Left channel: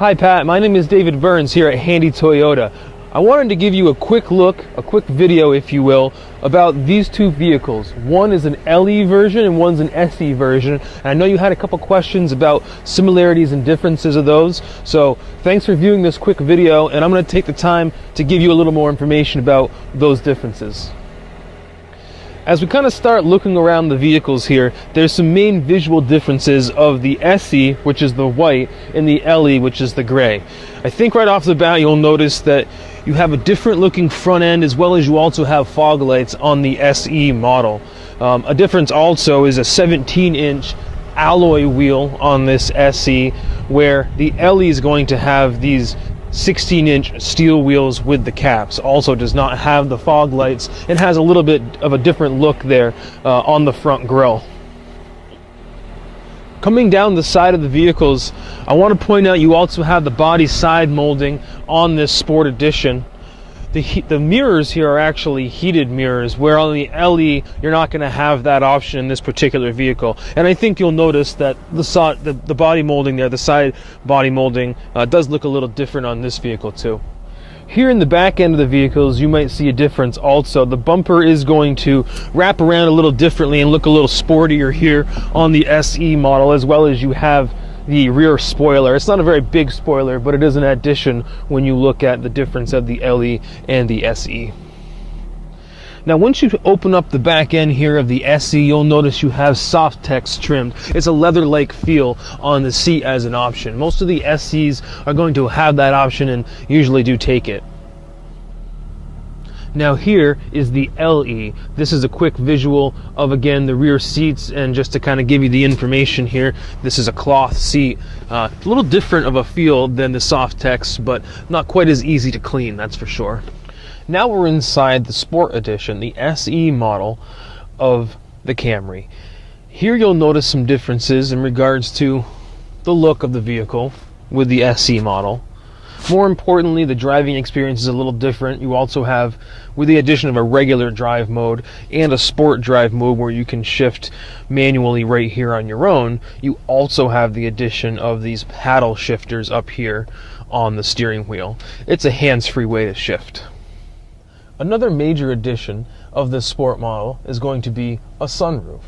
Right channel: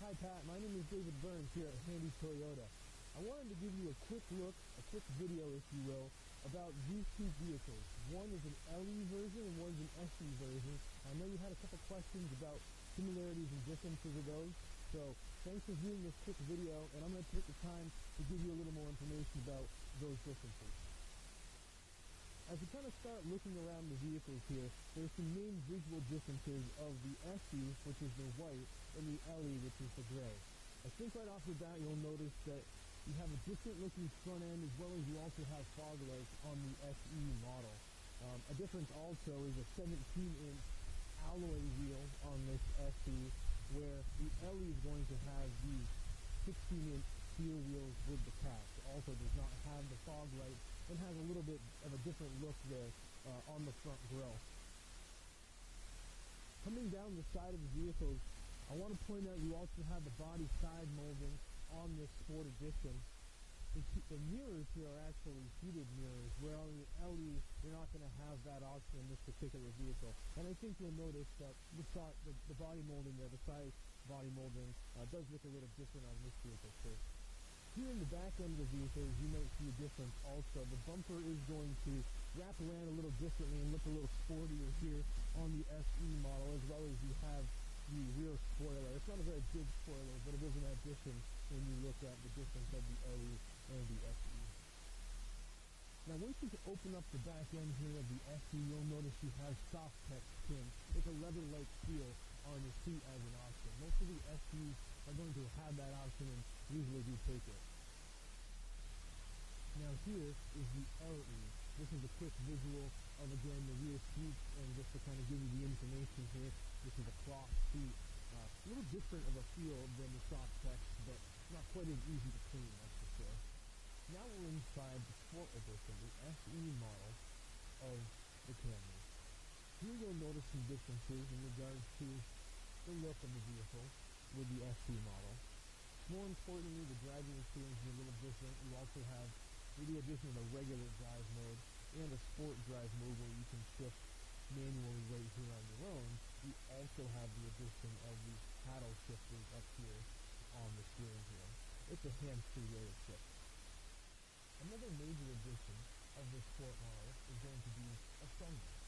Hi Pat, my name is David Burns here at Handy Toyota. I wanted to give you a quick look, a quick video if you will, about these two vehicles. One is an LE version and one's an SE version. And I know you had a couple questions about similarities and differences of those. So thanks for viewing this quick video, and I'm going to take the time to give you a little more information about those differences. As we kind of start looking around the vehicles here, there's some main visual differences of the SE, which is the white, and the LE, which is the gray. I think right off the bat you'll notice that you have a different looking front end, as well as you also have fog lights on the SE model. A difference also is a 17-inch alloy wheel on this SE, where the LE is going to have these 16-inch steel wheels with the caps. Also does not have the fog lights and has a little bit of a different look there on the front grille. Coming down the side of the vehicles, I want to point out you also have the body side molding on this Sport Edition. The mirrors here are actually heated mirrors, where on the LE you're not going to have that option in this particular vehicle. And I think you'll notice that the body molding there, the side body molding, does look a little different on this vehicle too. Here in the back end of the vehicles you might see a difference also. The bumper is going to wrap around a little differently and look a little sportier here on the SE model, as well as you have the rear spoiler. It's not a very big spoiler, but it is an addition when you look at the difference of the LE and the SE. Now once you open up the back end here of the SE, you'll notice you have soft text trimmed. It's a leather-like feel on the seat as an option. Most of the SEs are going to have that option and usually do take it. Now here is the LE. This is a quick visual of, again, the rear seats, and just to kind of give you the information here, this is a cloth seat. A little different of a feel than the soft text, but not quite as easy to clean, that's for sure. Now we're inside the Sport Edition, the SE model of the Camry. Here you'll notice some differences in regards to the look of the vehicle with the SE model. More importantly, the driving experience is a little different. You also have, with the addition of a regular drive mode and a sport drive mode where you can shift manually right here on your own, you also have the addition of these paddle shifters up here on the steering wheel. It's a hands-free way to shift. Another major addition of this sport model is going to be a sunroof.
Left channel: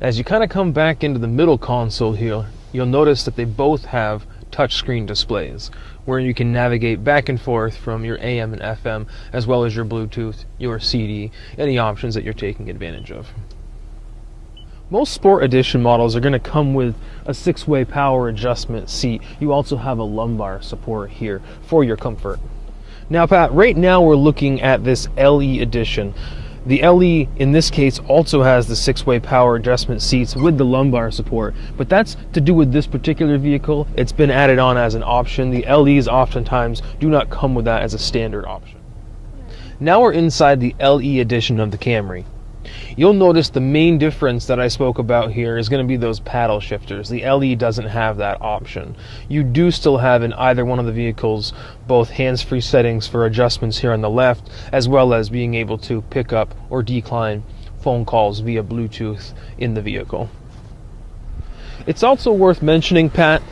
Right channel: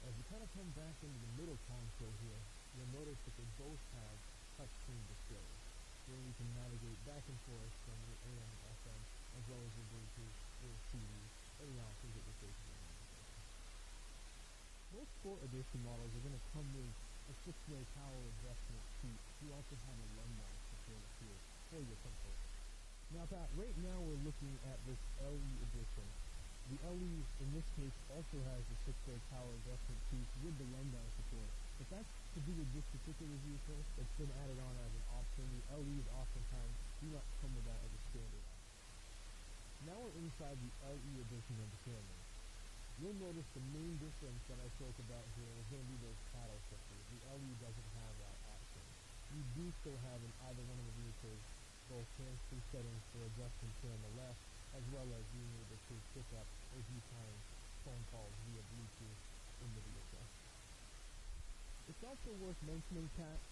As you kind of come back into the middle console here, you'll notice that they both have touchscreen displays where you can navigate back and forth from your AM and FM, as well as your Bluetooth, your CD, any options that you're taking advantage of. Most Sport Edition models are going to come with a 6-way power adjustment seat. You also have a lumbar support here for your comfort. Now Pat, right now we're looking at this LE Edition. The LE in this case also has the 6-way power adjustment seats with the lumbar support, but that's to do with this particular vehicle. It's been added on as an option. The LEs oftentimes do not come with that as a standard option. Now we're inside the LE Edition of the Camry. You'll notice the main difference that I spoke about here is going to be those paddle shifters. The LE doesn't have that option. You do still have in either one of the vehicles both hands-free settings for adjustments here on the left, as well as being able to pick up or decline phone calls via Bluetooth in the vehicle. It's also worth mentioning, Pat,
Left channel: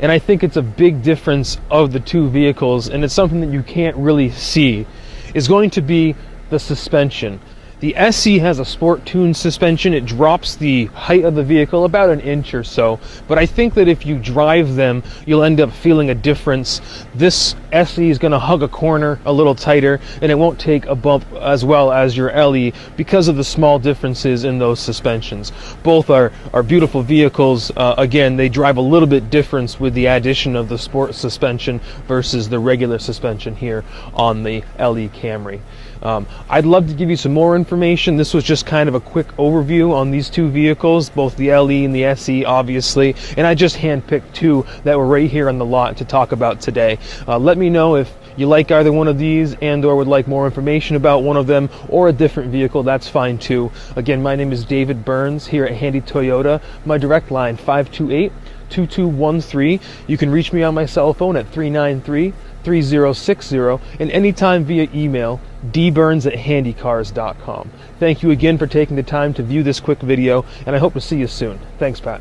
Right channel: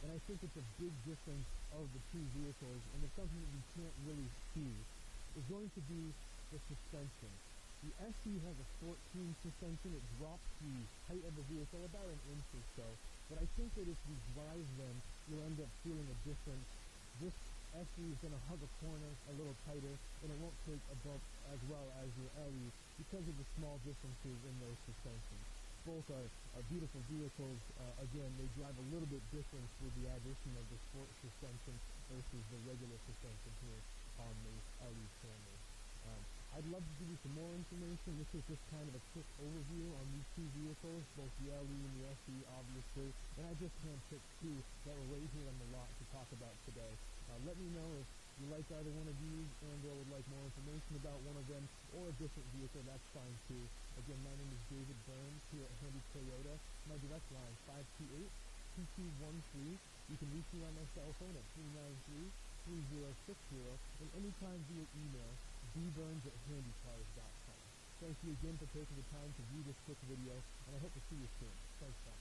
and I think it's a big difference of the two vehicles, and it's something that you can't really see, is going to be the suspension. The SE has a sport tuned suspension. It drops the height of the vehicle about an inch or so, but I think that if you drive them, you'll end up feeling a difference. This SE is going to hug a corner a little tighter, and it won't take a bump as well as your LE because of the small differences in those suspensions. Both are beautiful vehicles. Again, they drive a little bit different with the addition of the sport suspension versus the regular suspension here on the LE Camry. I'd love to give you some more information. This was just kind of a quick overview on these two vehicles, both the LE and the SE obviously, and I just handpicked two that were right here on the lot to talk about today. Let me know if you like either one of these and or would like more information about one of them or a different vehicle. That's fine too. Again, my name is David Burns here at Handy Toyota. My direct line 528-2213. You can reach me on my cell phone at 393-3060 and anytime via email dburns@handycars.com. Thank you again for taking the time to view this quick video, and I hope to see you soon. Thanks, Pat.